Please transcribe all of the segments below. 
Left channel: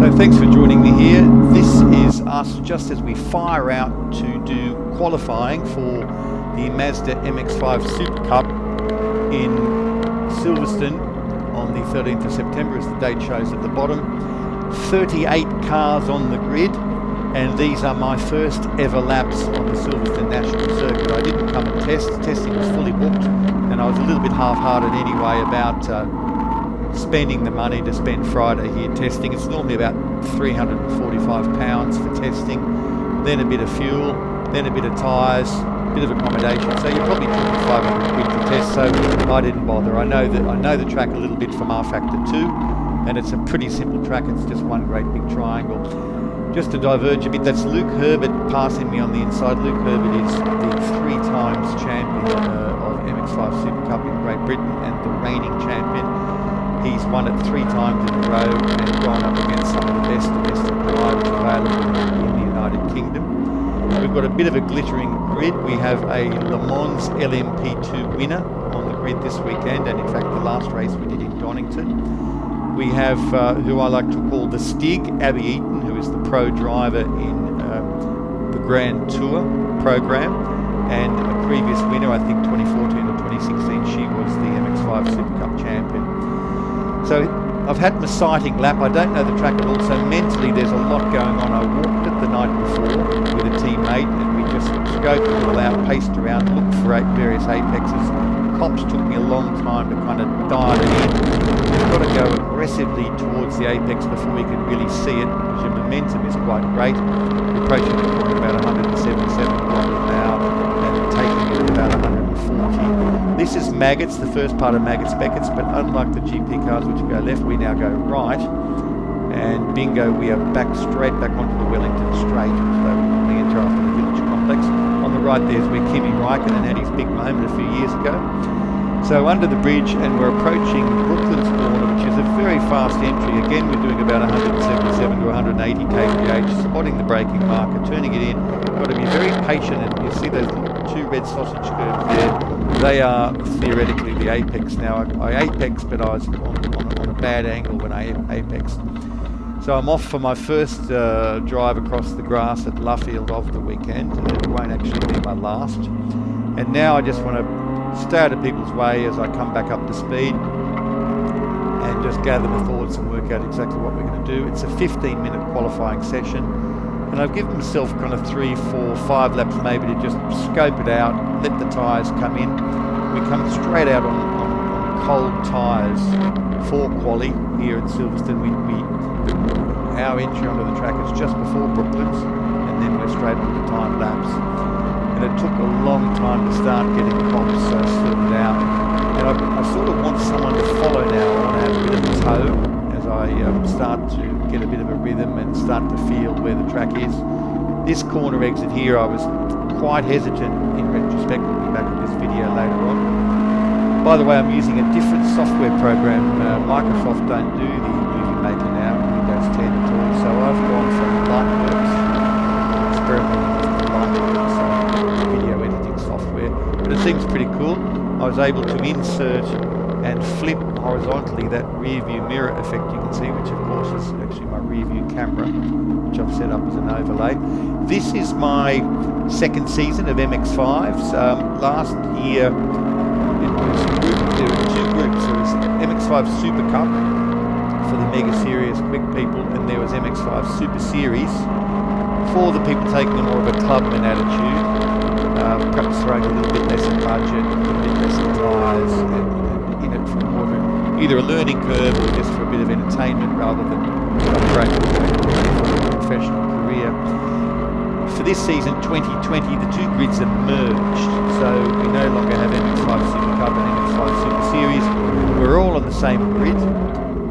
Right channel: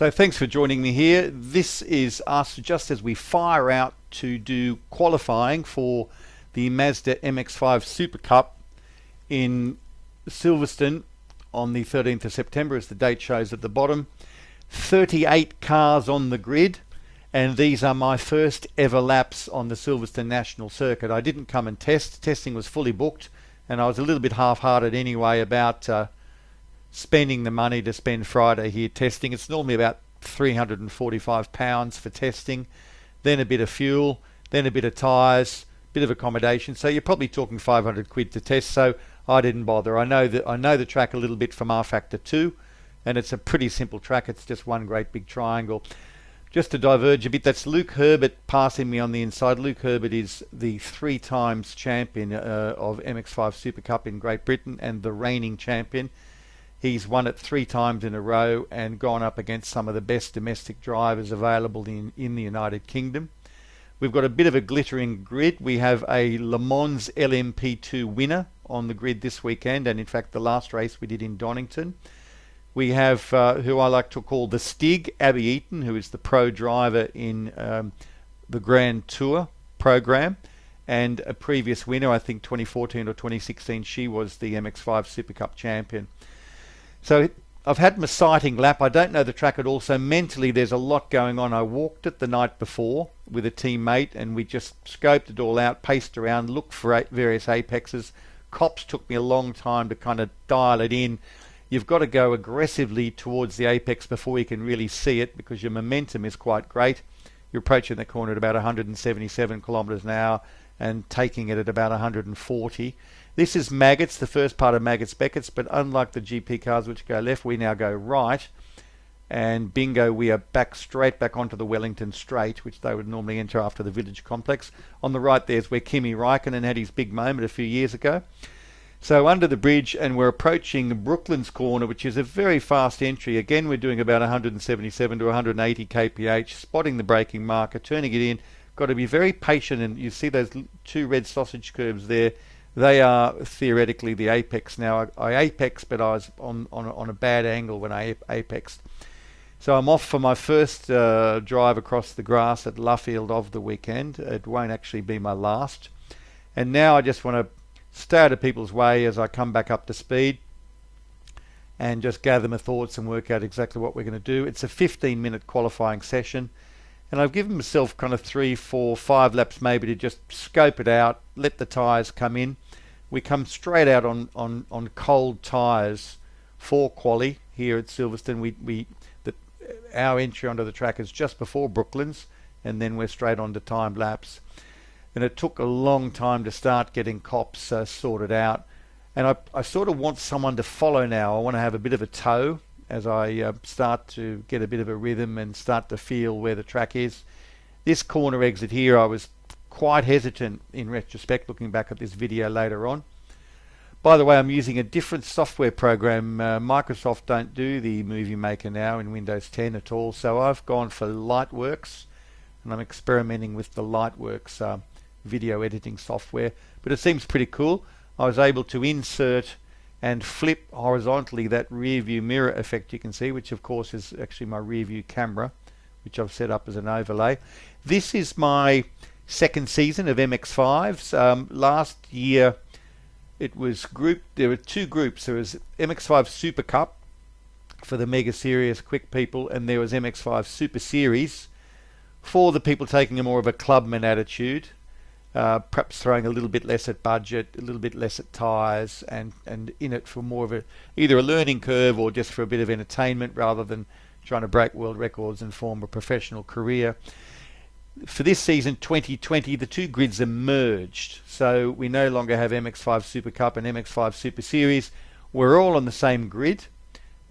So thanks for joining me here. This is us just as we fire out to do qualifying for the Mazda MX5 Supercup in Silverstone on the 13th of September, as the date shows at the bottom. 38 cars on the grid, and these are my first ever laps on the Silverstone National Circuit. I didn't come and test. Testing was fully booked, and I was a little bit half-hearted anyway about spending the money to spend Friday here testing. It's normally about £345 for testing, then a bit of fuel, then a bit of tyres, a bit of accommodation. So you're probably talking 500 quid to test. So I didn't bother. I know the track a little bit from R Factor 2, and it's a pretty simple track. It's just one great big triangle. Just to diverge a bit, that's Luke Herbert passing me on the inside. Luke Herbert is the 3 times champion of MX5 Supercup in Great Britain and the reigning champion. He's won it 3 times in a row and gone up against some of the best domestic drivers available in the United Kingdom. We've got a bit of a glittering grid. We have a Le Mans LMP2 winner on the grid this weekend, and in fact the last race we did in Donington. We have who I like to call the Stig, Abby Eaton, who is the pro driver in the Grand Tour program, and a previous winner, I think 2014 or 2016, she was the MX5 Supercup champion. So I've had my sighting lap. I don't know the track at all, so mentally there's a lot going on. I walked it the night before with a teammate, and we just scoped it all out, paced around, looked for various apexes. Cops took me a long time to kind of dial it in. You've got to go aggressively towards the apex before you can really see it, because your momentum is quite great. You're approaching the corner at about 177 kilometres an hour and taking it at about 140. This is Maggots, the first part of Maggots Beckett's, but unlike the GP cars which go left, we now go right. And bingo, we are straight back onto the Wellington Straight, which they would normally enter after the Village Complex. On the right there's where Kimi Raikkonen had his big moment a few years ago. So under the bridge, and we're approaching Brooklands Corner, which is a very fast entry. Again, we're doing about 177 to 180 kph, spotting the braking marker, turning it in. Got to be very patient, and you see those 2 red sausage curves there. They are theoretically the apex. Now I apexed, but I was on a bad angle when I apexed. So I'm off for my first drive across the grass at Luffield of the weekend. It won't actually be my last. And now I just want to stay out of people's way as I come back up to speed and just gather my thoughts and work out exactly what we're going to do. It's a 15-minute qualifying session, and I've given myself kind of 3, 4, 5 laps maybe to just scope it out, let the tyres come in. We come straight out on cold tyres for quali here at Silverstone. Our entry onto the track is just before Brooklands, and then we're straight on to timed laps. And it took a long time to start getting cops sorted out. And I sort of want someone to follow now. I want to have a bit of a tow as I start to get a bit of a rhythm and start to feel where the track is. This corner exit here, I was quite hesitant in retrospect, looking back at this video later on. By the way, I'm using a different software program. Microsoft don't do the Movie Maker now in Windows 10 at all, so I've gone for Lightworks. I'm experimenting with the Lightworks video editing software, but it seems pretty cool. I was able to insert and flip horizontally that rear view mirror effect you can see, which of course is actually my rear view camera, which I've set up as an overlay. This is my second season of MX5s. Last year it was there were 2 groups. There was MX5 Super Cup for the mega serious quick people, and there was MX5 Super Series for the people taking a more of a clubman attitude. Perhaps throwing a little bit less at budget, a little bit less at tyres, and in it for more of either a learning curve or just for a bit of entertainment rather than trying to break world records for a professional career. For this season 2020, the 2 grids are merged, so we no longer have MX5 Supercup and MX5 Super Series. We're all on the same grid,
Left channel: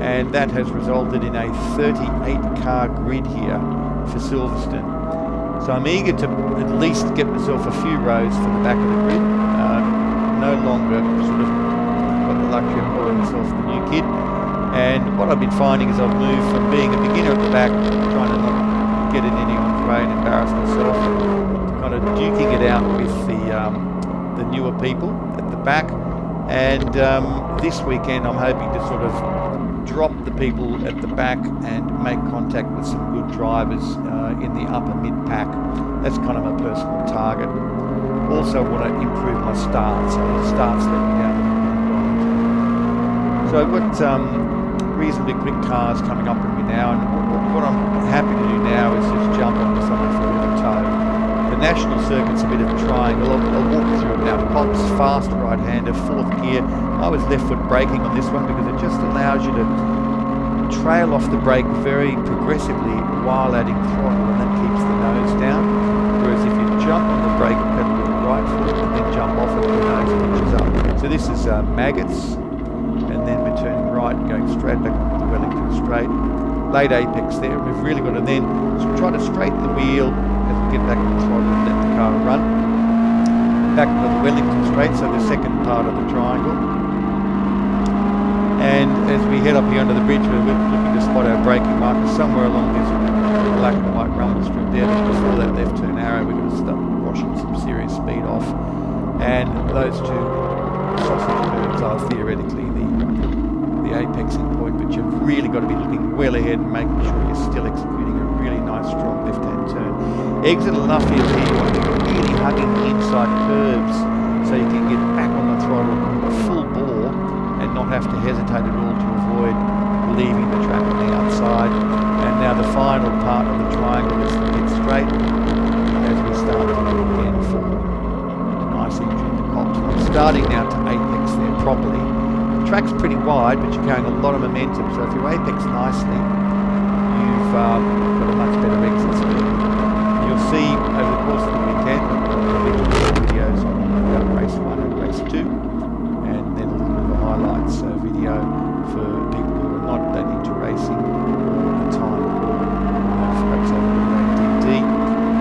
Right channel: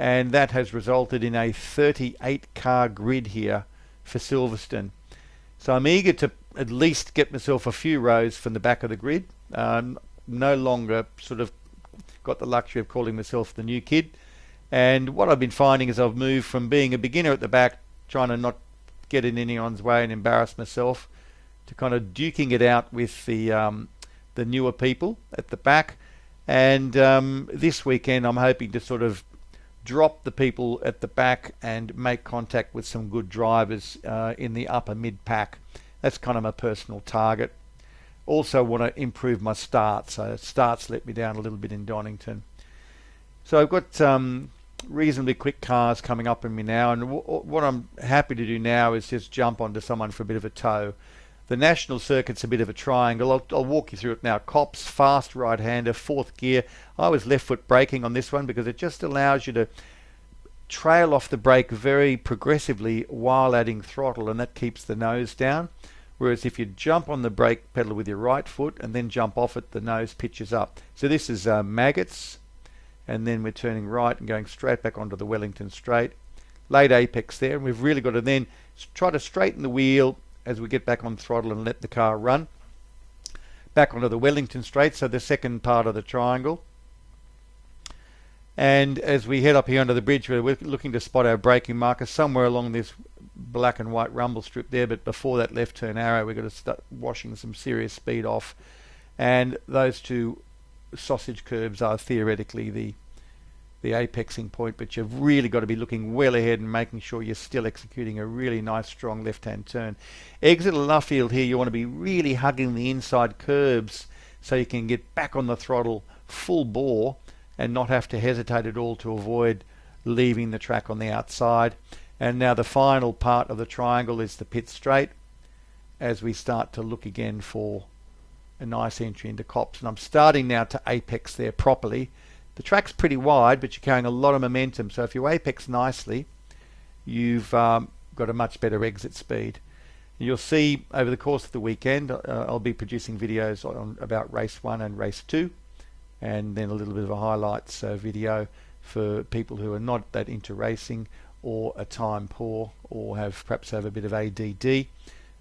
and that has resulted in a 38 car grid here for Silverstone. So I'm eager to at least get myself a few rows from the back of the grid. No longer sort of got the luxury of calling myself the new kid. And what I've been finding is I've moved from being a beginner at the back, trying to not get in anyone's way and embarrass myself, to kind of duking it out with the newer people at the back. And this weekend I'm hoping to sort of drop the people at the back and make contact with some good drivers in the upper mid pack. That's kind of my personal target. Also want to improve my starts. So starts let me down a little bit in Donington. So I've got reasonably quick cars coming up in me now, and what I'm happy to do now is just jump onto someone for a bit of a tow. The National Circuit's a bit of a triangle. I'll walk you through it now. Cops, fast right-hander, 4th gear. I was left foot braking on this one because it just allows you to trail off the brake very progressively while adding throttle, and that keeps the nose down. Whereas if you jump on the brake pedal with your right foot and then jump off it, the nose pitches up. So this is maggots, and then we're turning right, going straight back onto the Wellington straight. Late apex there, and we've really got to then try to straighten the wheel as we get back on throttle and let the car run. Back onto the Wellington straight, so the second part of the triangle. And as we head up here under the bridge, we're looking to spot our braking marker somewhere along this black and white rumble strip there, but before that left turn arrow we've got to start washing some serious speed off. And those two sausage curbs are theoretically the apexing point, but you've really got to be looking well ahead and making sure you're still executing a really nice strong left-hand turn. Exit of Luffield here, you want to be really hugging the inside curbs so you can get back on the throttle full bore and not have to hesitate at all to avoid leaving the track on the outside. And now the final part of the triangle is the pit straight as we start to look again for a nice entry into Cops. And I'm starting now to apex there properly. The track's pretty wide, but you're carrying a lot of momentum, so if you apex nicely, you've got a much better exit speed. You'll see over the course of the weekend, I'll be producing videos about race 1 and race 2, and then a little bit of a highlights video for people who are not that into racing or are time poor or perhaps have a bit of ADD.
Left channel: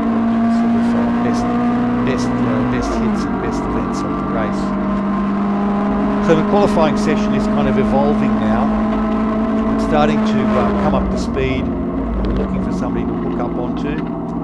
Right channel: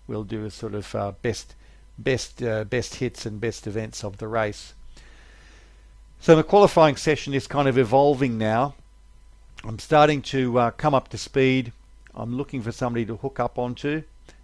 We'll do a sort of best hits and best events of the race. So the qualifying session is kind of evolving now. I'm starting to come up to speed. I'm looking for somebody to hook up onto.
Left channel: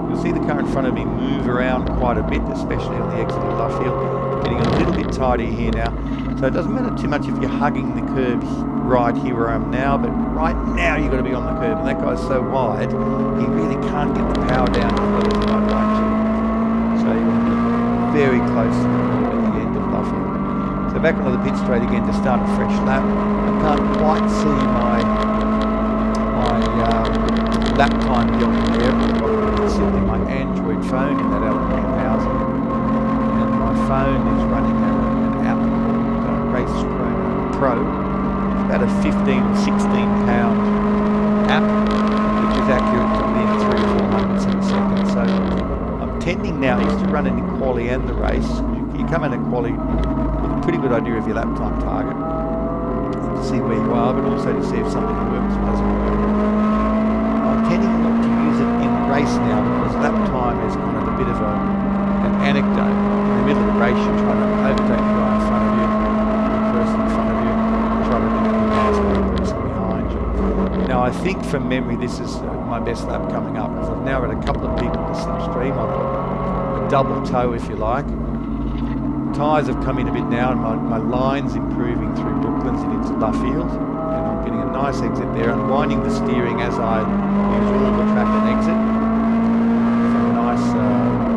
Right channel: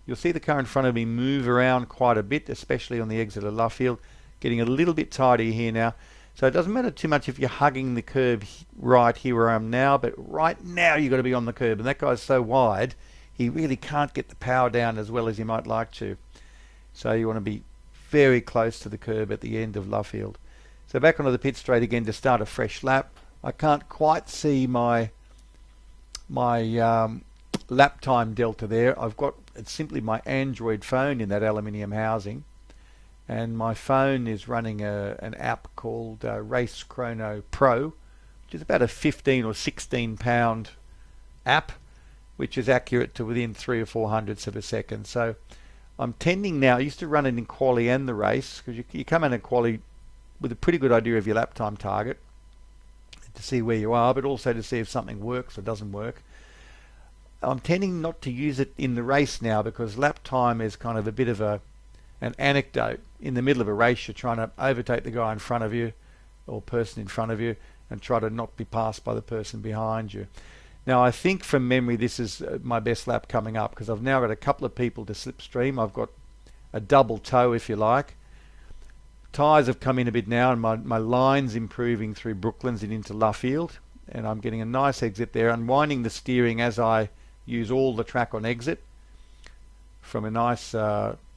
You'll see the car in front of me move around quite a bit, especially on the exit of Luffield. Getting a little bit tidier here now. So it doesn't matter too much if you're hugging the curb right here where I am now, but right now you've got to be on the curb, and that guy's so wide he really can't get the power down as well as he might like to. So you want to be very close to the curb at the end of Luffield. So back onto the pit straight again to start a fresh lap. I can't quite see my lap time delta there. I've got simply my Android phone in that aluminium housing, and my phone is running an app called Race Chrono Pro, which is about a 15 or 16 pound app, which is accurate to within 3 or 4 hundredths of a second. So I'm tending now, I used to run it in quali and the race, because you come in a quali with a pretty good idea of your lap time target to see where you are, but also to see if something works or doesn't work. I'm tending not to use it in the race now, because lap time is kind of a bit of an anecdote. In the middle of the race you're trying to overtake the guy in front of you, person in front of you, and try to not be passed by the person behind you. Now I think from memory this is my best lap coming up, because I've now got a couple of people to slipstream. I've got a double tow if you like. Tyres have come in a bit now, and my line's improving through Brooklands and into Luffield, and I'm getting a nice exit there, unwinding the steering as I use all the track on exit from a nice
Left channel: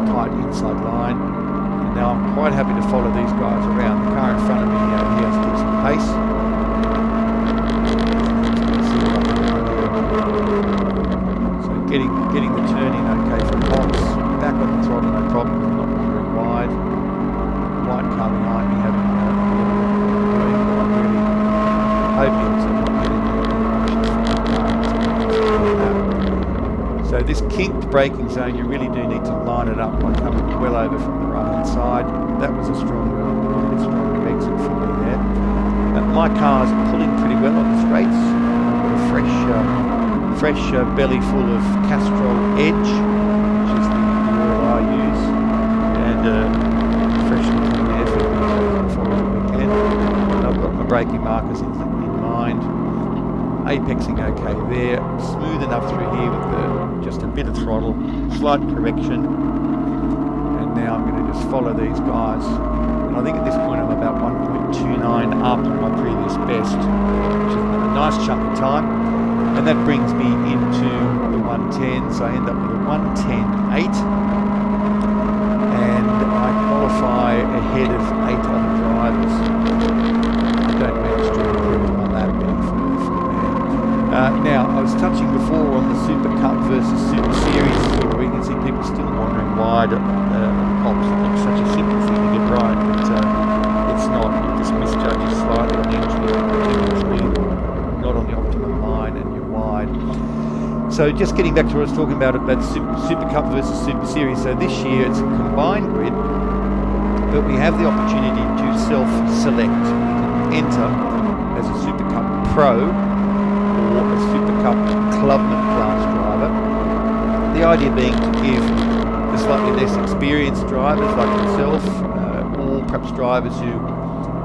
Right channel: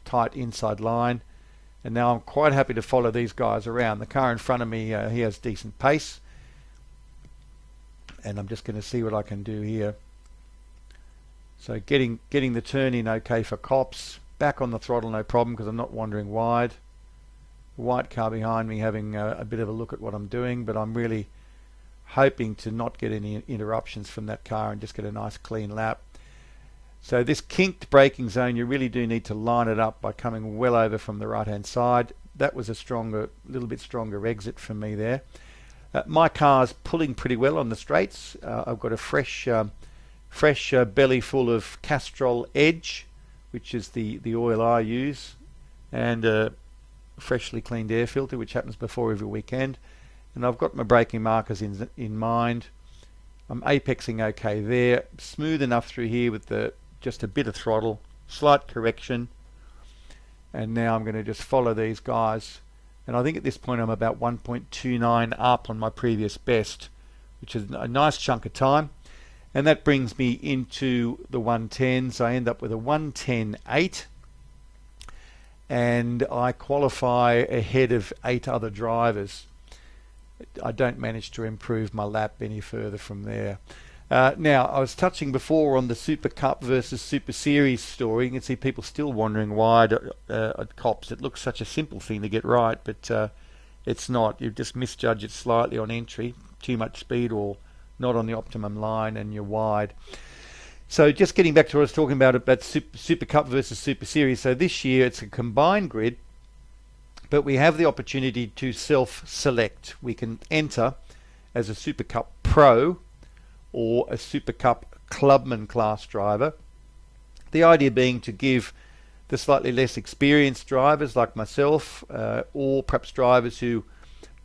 tight inside line. And now I'm quite happy to follow these guys around. The car in front of me, he has decent pace. And I'm just going to see what I can do here. So getting the turn in okay for Cops. Back on the throttle, no problem, because I'm not wandering wide. White car behind me having a bit of a look at what I'm doing, but I'm really hoping to not get any interruptions from that car. I'm just going to nice clean lap. So this kinked braking zone, you really do need to line it up by coming well over from the right-hand side. That was a little bit stronger exit for me there. My car's pulling pretty well on the straights. I've got a fresh fresh belly full of Castrol Edge, which is the oil I use, and freshly cleaned air filter, which happens before every weekend. And I've got my braking markers in mind. I'm apexing okay there, smooth enough through here with just a bit of throttle, slight correction, and now I'm going to just follow these guys. And I think at this point I'm about 1.29 up on my previous best, which is a nice chunk of time. And that brings me into the 110s. I end up with a 110.8, and I qualify ahead of 8 other drivers. I don't manage to improve my lap any further from there. Now, I was touching before on the Super Cup versus Super Series story. You can see people still wondering why at COPs it looks such a simple thing to get right, but it's not. You just misjudge it slightly on entry, too much speed, or not on the optimum line, and you're wide. So just getting back to what I was talking about Super Cup versus Super Series. So this year it's a combined grid, but we have the opportunity to self-select. We can enter as a Super Cup Pro or a Super Cup Clubman class driver. The idea being to give the slightly less experienced drivers like myself, or perhaps drivers who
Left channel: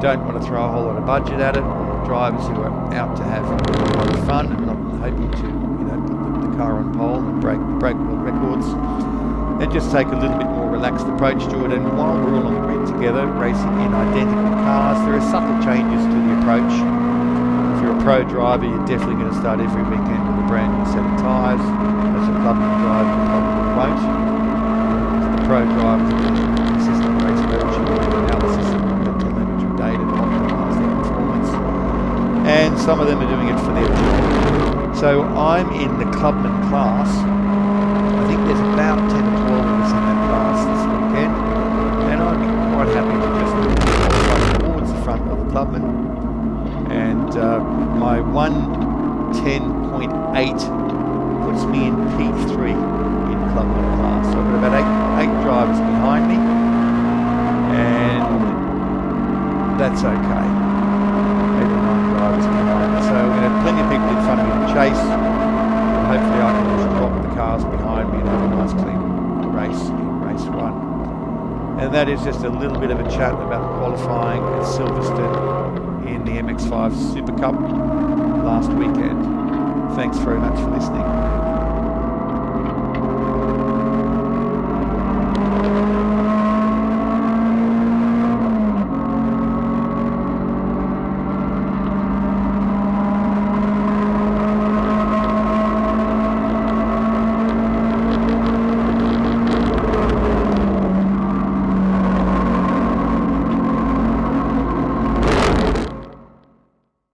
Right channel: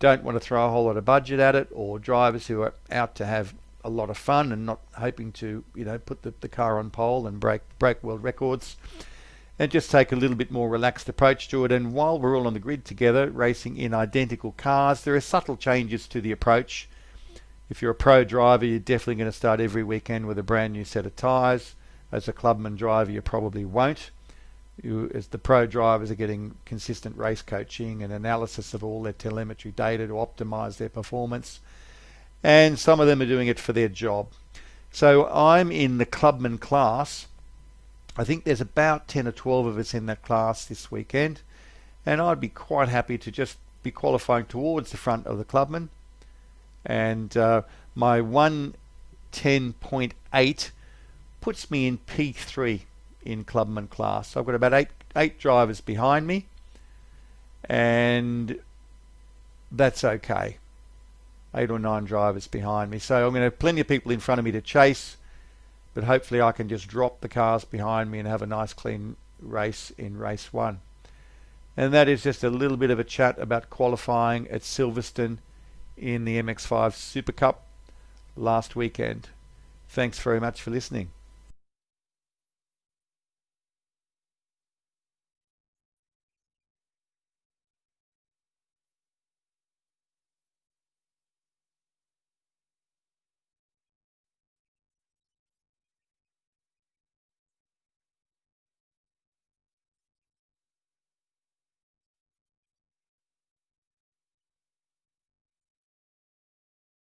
don't want to throw a whole lot of budget at it, or drivers who are out to have a lot of fun and not hoping to, put the car on pole and break world records, and just take a little bit more relaxed approach to it. And while we're all on the grid together, racing in identical cars, there are subtle changes to the approach. If you're a pro driver, you're definitely going to start every weekend with a brand new set of tyres. As a Clubman driver, you probably won't. If the pro drivers are getting consistent race coaching and analysis of all their telemetry data to optimise their performance, and some of them are doing it for their job. So I'm in the Clubman class. I think there's about 10 or 12 of us in that class this weekend, and I'd be quite happy to just qualify towards the front of the Clubman. And my 110.8 puts me in P3 in Clubman class. So I've got about eight drivers behind me, and that's okay. 8 or 9 drivers behind me. So I'm going to have plenty of people in front of me to chase, but hopefully I can just drop the cars behind me and have a nice clean race in race 1. And that is just a little bit of a chat about qualifying at Silverstone in the MX5 Supercup last weekend. Thanks very much for listening.